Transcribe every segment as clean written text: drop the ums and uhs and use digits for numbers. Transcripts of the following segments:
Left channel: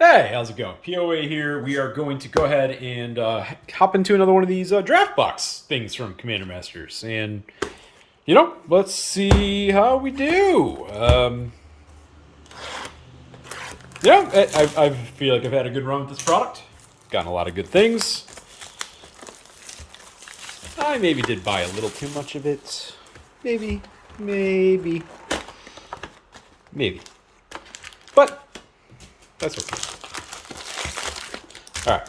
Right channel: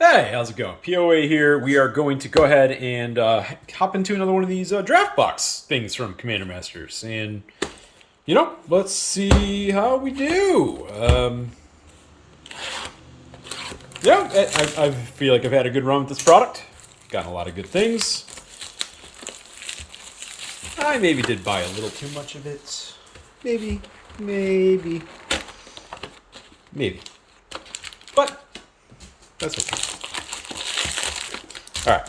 Hey, how's it going? POA here. We are going to go ahead and hop into another one of these draft box things from Commander Masters. And, let's see how we do. I feel like I've had a good run with this product. Gotten a lot of good things. I maybe did buy a little too much of it. Maybe. But, that's okay. Alright,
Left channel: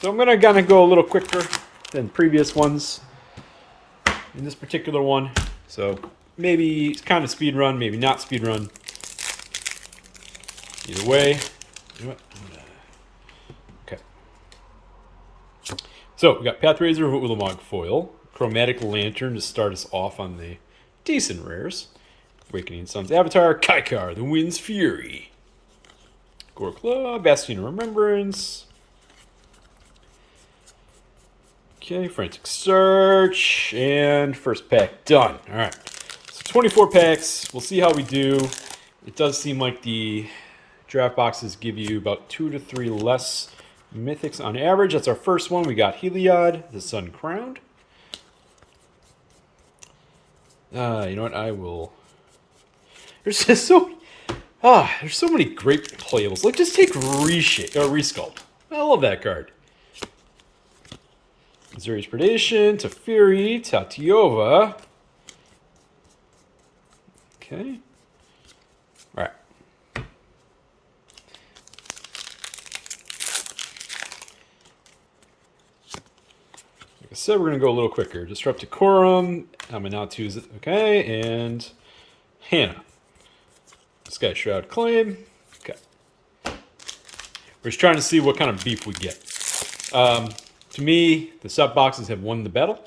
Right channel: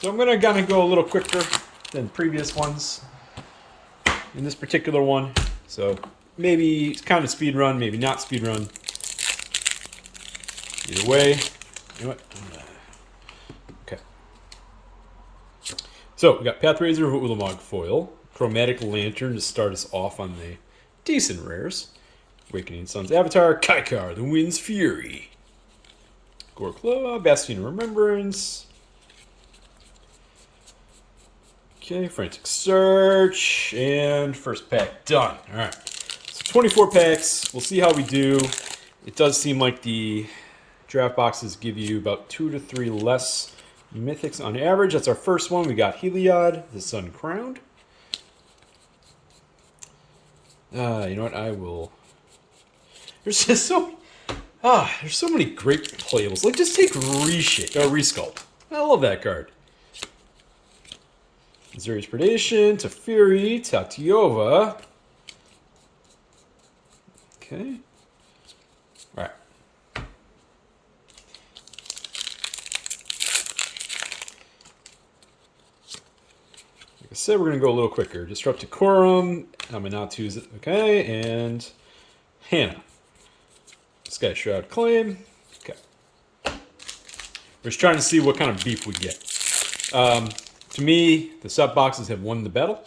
so I'm gonna go a little quicker than previous ones in this particular one. So maybe it's kind of speed run, maybe not speed run. Either way, you know what? Okay. So we got Pathrazer of Ulamog foil, Chromatic Lantern to start us off on the decent rares. Awakening Sun's Avatar, Kaikar, the Wind's Fury, Gore Claw, Bastion of Remembrance. Okay, Frantic Search, and first pack done. All right, so 24 packs. We'll see how we do. It does seem like the draft boxes give you about 2 to 3 less mythics on average. That's our first one. We got Heliod, the Sun Crowned. You know what? I will. There's just there's so many great playables. Like, just take Resculpt. I love that card. Zuri's Predation, Teferi, Tatiova. Okay. All right. Like I said, we're going to go a little quicker. Disrupt Decorum, Aminatu's, okay, and Hannah. Sky Shroud Claim. Okay. We're just trying to see what kind of beef we get. To me, the sub boxes have won the battle.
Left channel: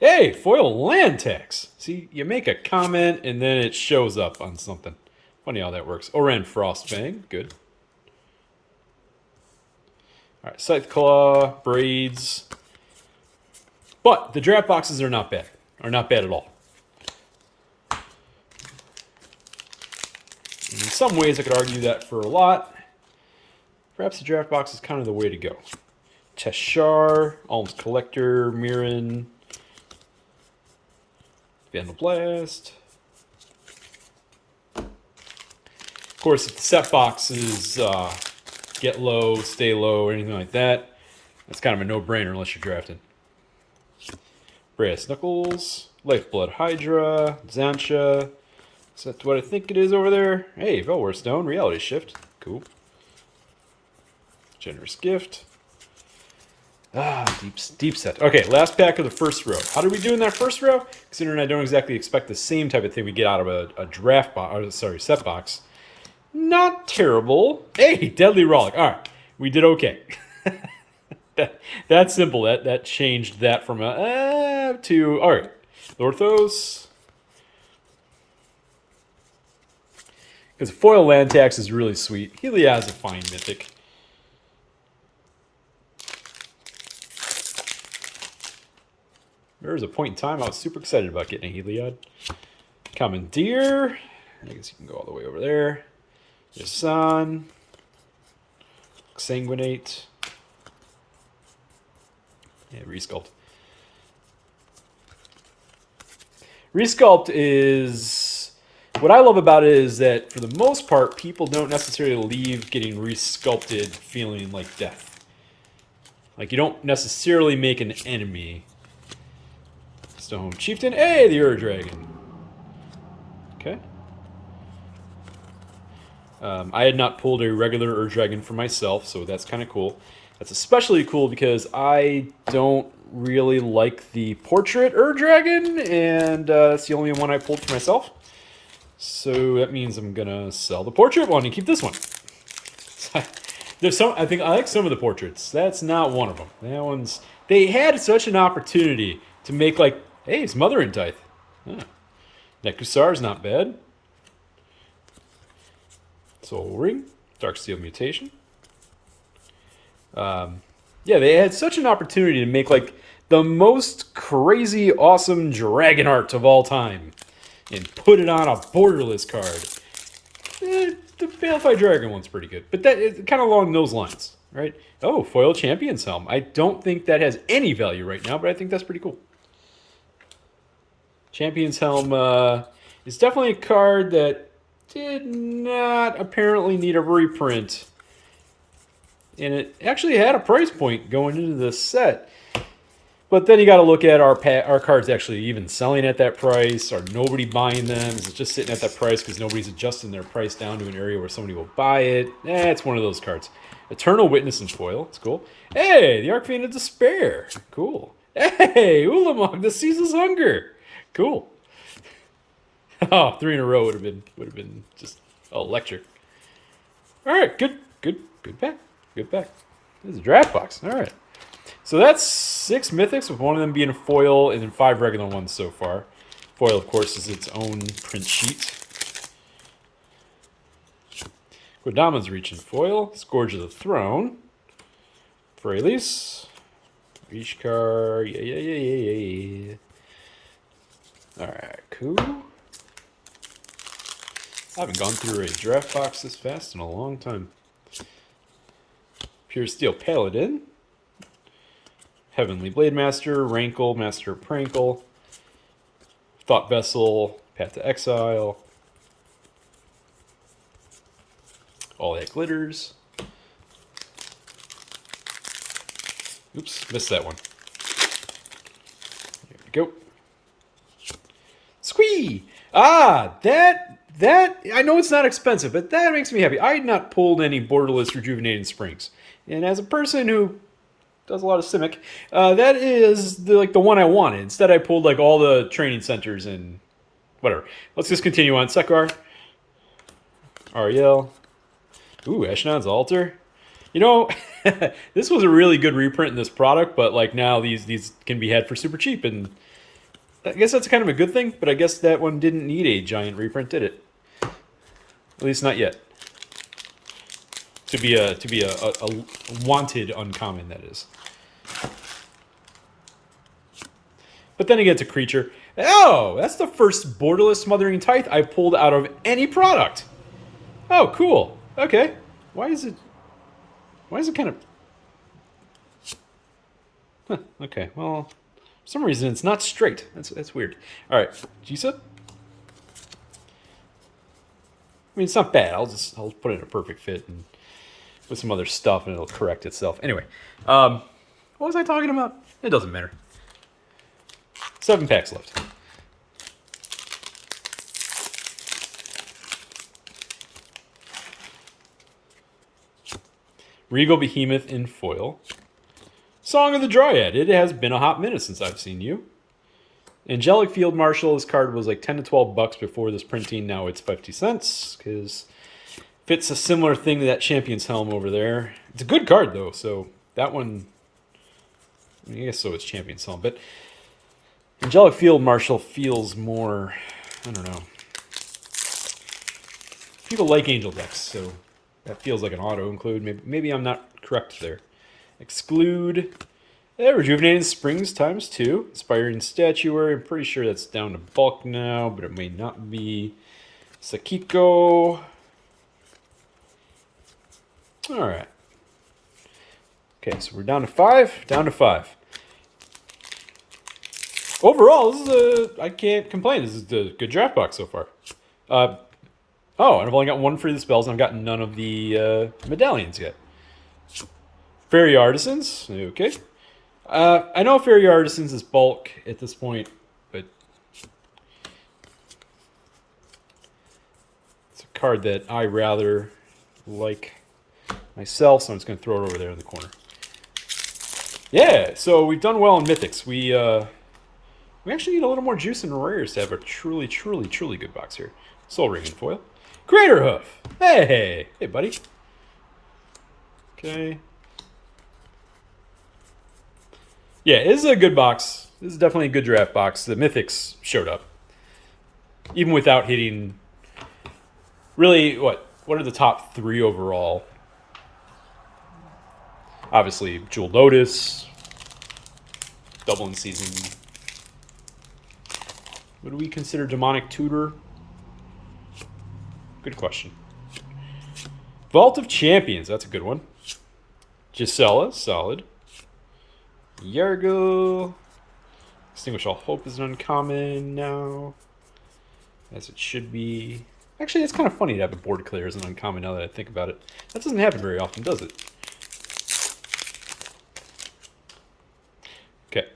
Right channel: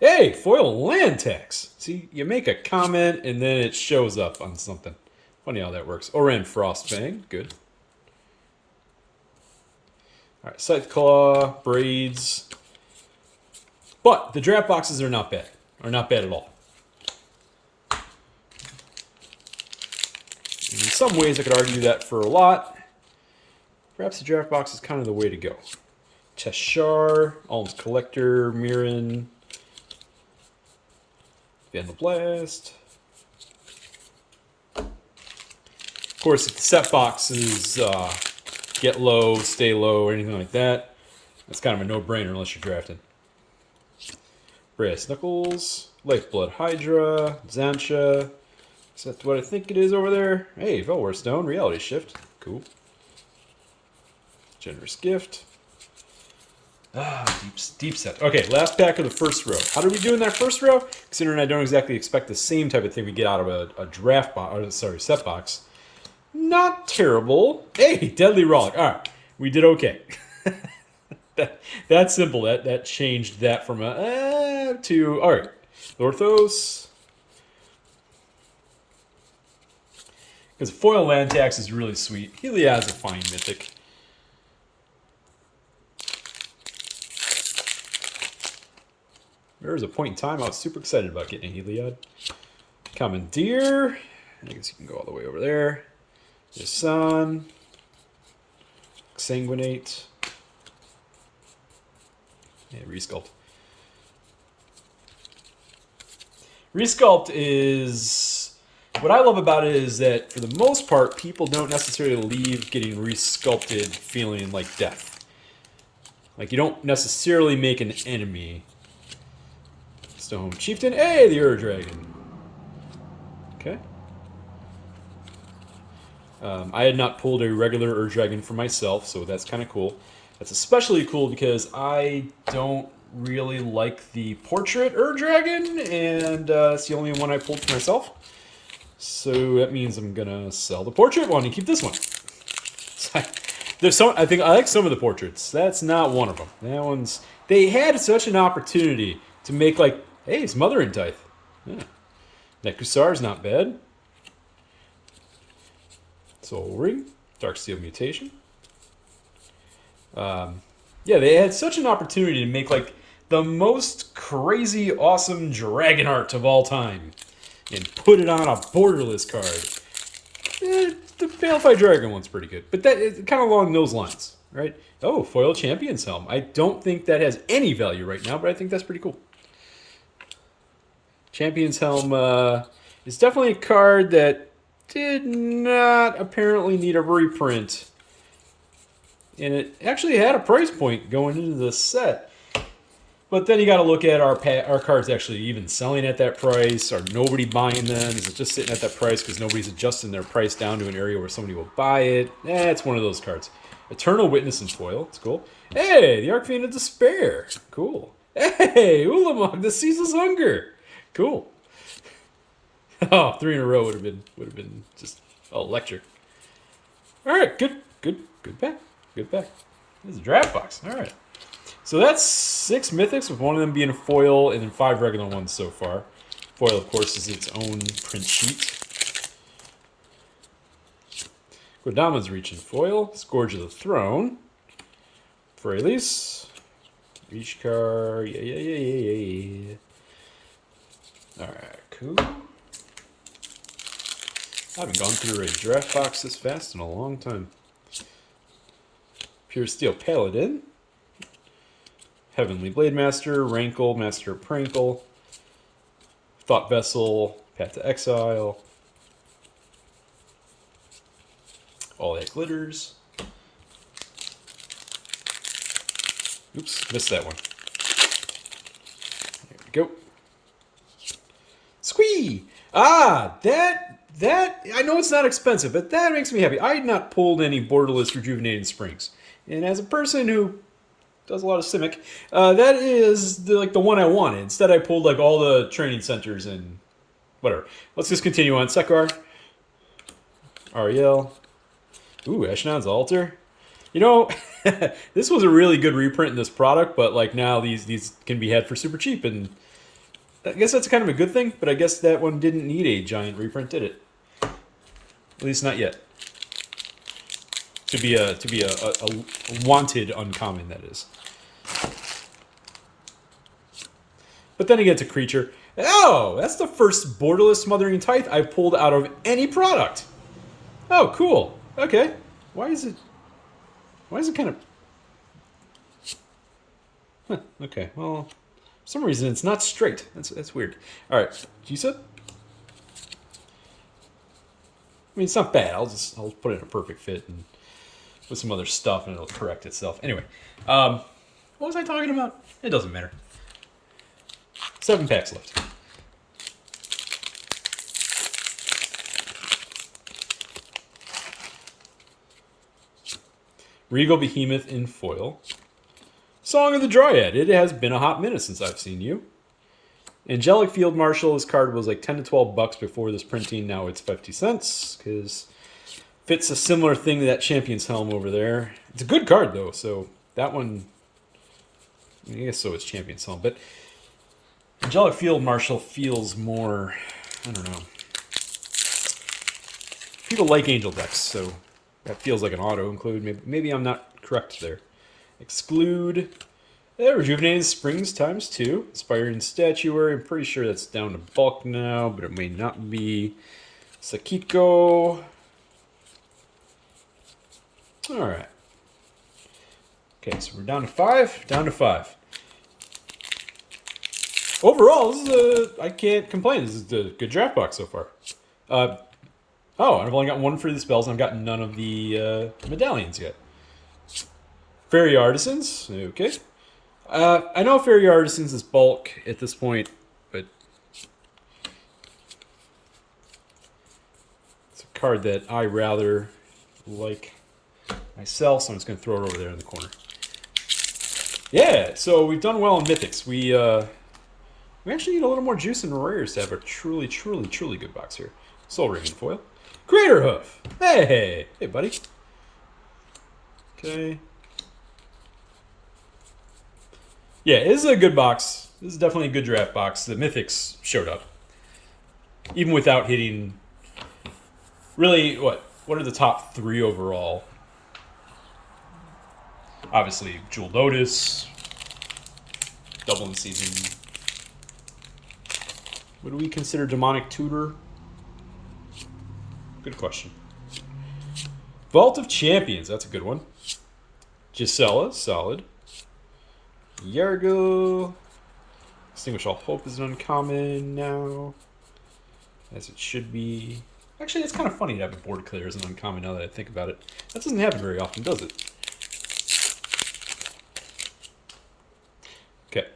Hey, foil land tax. See, you make a comment and then it shows up on something. Funny how that works. Oran Frostfang, good. All right, Scythe Claw, Braids. But the draft boxes are not bad. Are not bad at all. In some ways, I could argue that for a lot. Perhaps the draft box is kind of the way to go. Teshar, Alms Collector, Mirren, Vandal Blast. Of course, if the set boxes get low, stay low, or anything like that, that's kind of a no-brainer unless you're drafting. Brass Knuckles, Lifeblood Hydra, Xantia. Is that what I think it is over there? Hey, Velware Stone, Reality Shift. Cool. Generous Gift. Deep set. Okay, last pack of the first row. How did we do in that first row? Considering I don't exactly expect the same type of thing we get out of a draft box, or sorry, set box. Not terrible. Hey, Deadly Rollick. All right, we did okay. That's simple. That changed that from a to all right. Lorthos. Because foil land tax is really sweet. Heliod's a fine mythic. There was a point in time I was super excited about getting a Heliod. Commandeer. I guess you can go all the way over there. Yasan. Sanguinate. Yeah, Resculpt. Resculpt is... What I love about it is that, for the most part, people don't necessarily leave getting resculpted feeling like death. Like, you don't necessarily make an enemy... Stone Chieftain. Hey, the Ur Dragon. Okay. I had not pulled a regular Ur Dragon for myself, so that's kind of cool. That's especially cool because I don't really like the portrait Ur Dragon, and it's the only one I pulled for myself. So that means I'm gonna sell the portrait one and keep this one. There's some. I think I like some of the portraits. That's not one of them. That one's. They had such an opportunity to make like. Hey, it's Mother in Tithe. Huh. Nekusar's not bad. Soul Ring. Darksteel Mutation. Yeah, they had such an opportunity to make like the most crazy, awesome dragon art of all time and put it on a Borderless card. the Balefire Dragon one's pretty good, but that is kind of along those lines, right? Oh, foil Champion's Helm. I don't think that has any value right now, but I think that's pretty cool. Champion's Helm is definitely a card that did not apparently need a reprint. And it actually had a price point going into this set. But then you got to look at our cards actually even selling at that price. Are nobody buying them? Is it just sitting at that price because nobody's adjusting their price down to an area where somebody will buy it? It's one of those cards. Eternal Witness in foil. It's cool. Hey, the Archfiend of Despair. Cool. Hey, Ulamog, the Ceaseless Hunger. Cool. Oh, 3 in a row would have been just electric. All right, good pack. Good pack. This is a draft box. All right. So that's 6 mythics, with one of them being a foil, and then 5 regular ones so far. Foil, of course, is its own print sheet. Kodama's Reach in foil. Scourge of the Throne. Freylis. Ishkar. Yeah. Alright, cool. I haven't gone through a draft box this fast in a long time. Pure Steel Paladin. Heavenly Blade Master, Rankle, Master of Prankle, Thought Vessel, Path to Exile, All That Glitters. Oops, missed that one. There we go. Squee! Ah, that, I know it's not expensive, but that makes me happy. I had not pulled any Borderless Rejuvenating Springs. And as a person who does a lot of Simic, that is the one I wanted. Instead, I pulled like all the training centers and whatever. Let's just continue on. Sekar, Ariel, ooh, Eshnon's Altar. You know, this was a really good reprint in this product, but like now these can be had for super cheap, and I guess that's kind of a good thing. But I guess that one didn't need a giant reprint, did it? At least not yet. To be a wanted uncommon, that is. But then again, to creature. Oh, that's the first Borderless Smothering Tithe I pulled out of any product. Oh, cool. Okay. Why is it kind of... Huh, okay, well, for some reason it's not straight. That's weird. All right, Jisa? I mean, it's not bad. I'll put it in a perfect fit and with some other stuff, and it'll correct itself. Anyway, what was I talking about? It doesn't matter. 7 packs left. Regal Behemoth in foil. Song of the Dryad. It has been a hot minute since I've seen you. Angelic Field Marshal. This card was like $10 to $12 before this printing. Now it's 50 cents because fits a similar thing to that Champion's Helm over there. It's a good card though, so that one, I guess so, it's Champion's Helm. But Angelic Field Marshal feels more, I don't know. People like Angel decks, so that feels like an auto-include. Maybe I'm not correct there. Exclude. Rejuvenating Springs ×2. Inspiring Statuary. I'm pretty sure that's down to bulk now, but it may not be. Sakiko. Alright. Okay, so we're down to 5. Down to 5. Overall, this is I can't complain. This is the good draft box so far. Oh, and I've only got 1 free of the spells, and I've gotten none of the medallions yet. Fairy Artisans. Okay. I know Fairy Artisans is bulk at this point, but it's a card that I rather like myself, so I'm just going to throw it over there in the corner. Yeah, so we've done well in Mythics. We actually need a little more juice and rares to have a truly good box here. Soul Ring in foil. Crater Hoof. Hey, buddy. Okay. Yeah, this is a good box. This is definitely a good draft box. The Mythics showed up. Even without hitting... Really, what are the top 3 overall? Obviously, Jewel Lotus. Dublin Season. What do we consider Demonic Tutor? Good question. Vault of Champions, that's a good one. Gisela, solid. Yargo. Extinguish All Hope is an uncommon now, as it should be. Actually, it's kind of funny to have a board clear as an uncommon now that I think about it. That doesn't happen very often, does it? Okay.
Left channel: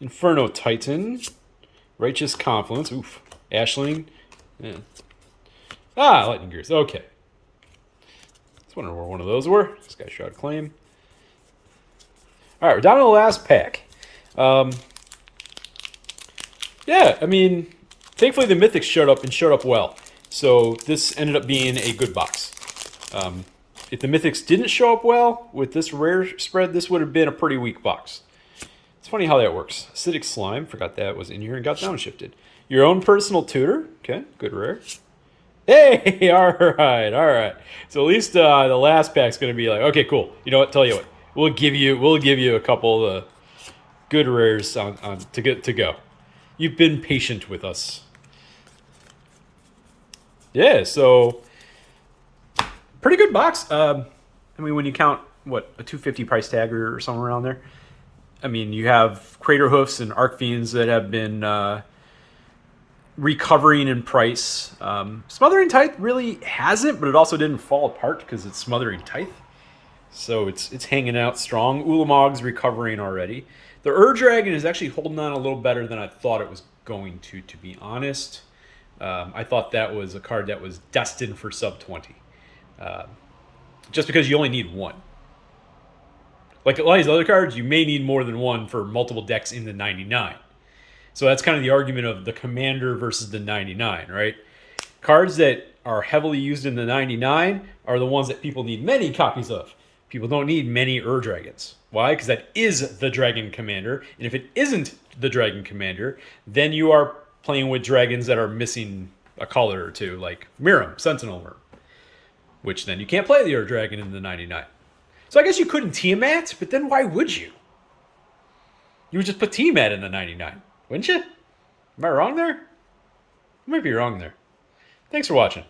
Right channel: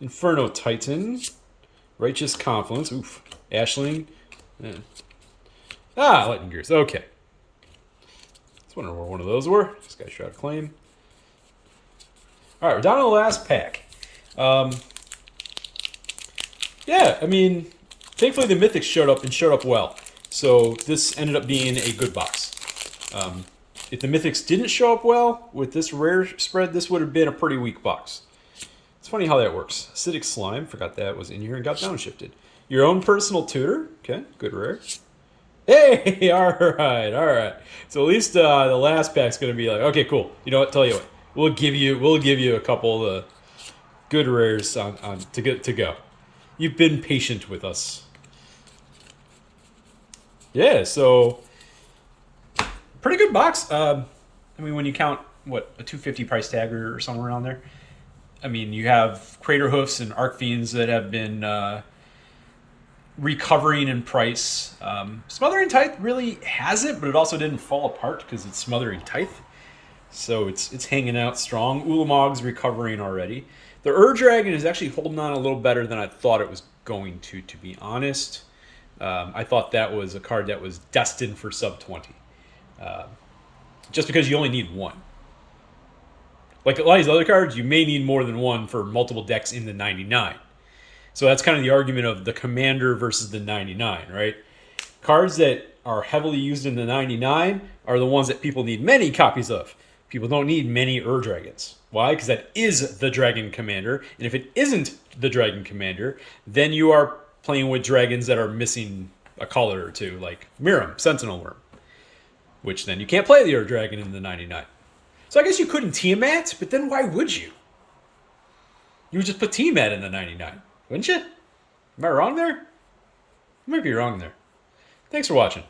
Inferno Titan. Righteous Confluence. Oof. Ashling. Yeah. Ah, Lightning Gears. Okay. I was wondering where one of those were. This guy shot a claim. All right, we're down to the last pack. Yeah, I mean, thankfully the Mythics showed up well. So this ended up being a good box. If the Mythics didn't show up well with this rare spread, this would have been a pretty weak box. It's funny how that works. Acidic Slime, forgot that was in here and got downshifted. Your own personal tutor, okay, good rare. Hey, all right. So at least the last pack's gonna be like, okay, cool. You know what? Tell you what, we'll give you a couple of good rares on to go. You've been patient with us. Yeah, so pretty good box. I mean, when you count what a 250 price tag or somewhere around there. I mean, you have Crater Hoofs and Arc Fiends that have been recovering in price. Smothering Tithe really hasn't, but it also didn't fall apart because it's Smothering Tithe. So it's hanging out strong. Ulamog's recovering already. The Dragon is actually holding on a little better than I thought it was going to be honest. I thought that was a card that was destined for sub 20. Just because you only need one. Like a lot of these other cards, you may need more than one for multiple decks in the 99. So that's kind of the argument of the Commander versus the 99, right? Cards that are heavily used in the 99 are the ones that people need many copies of. People don't need many Dragons. Why? Because that is the Dragon Commander. And if it isn't the Dragon Commander, then you are playing with dragons that are missing a color or two, like Miram, Sentinel Worm. Which then you can't play the Dragon in the 99. So I guess you couldn't Tiamat, but then why would you? You would just put Tiamat in the 99, wouldn't you? Am I wrong there? I might be wrong there. Thanks for watching.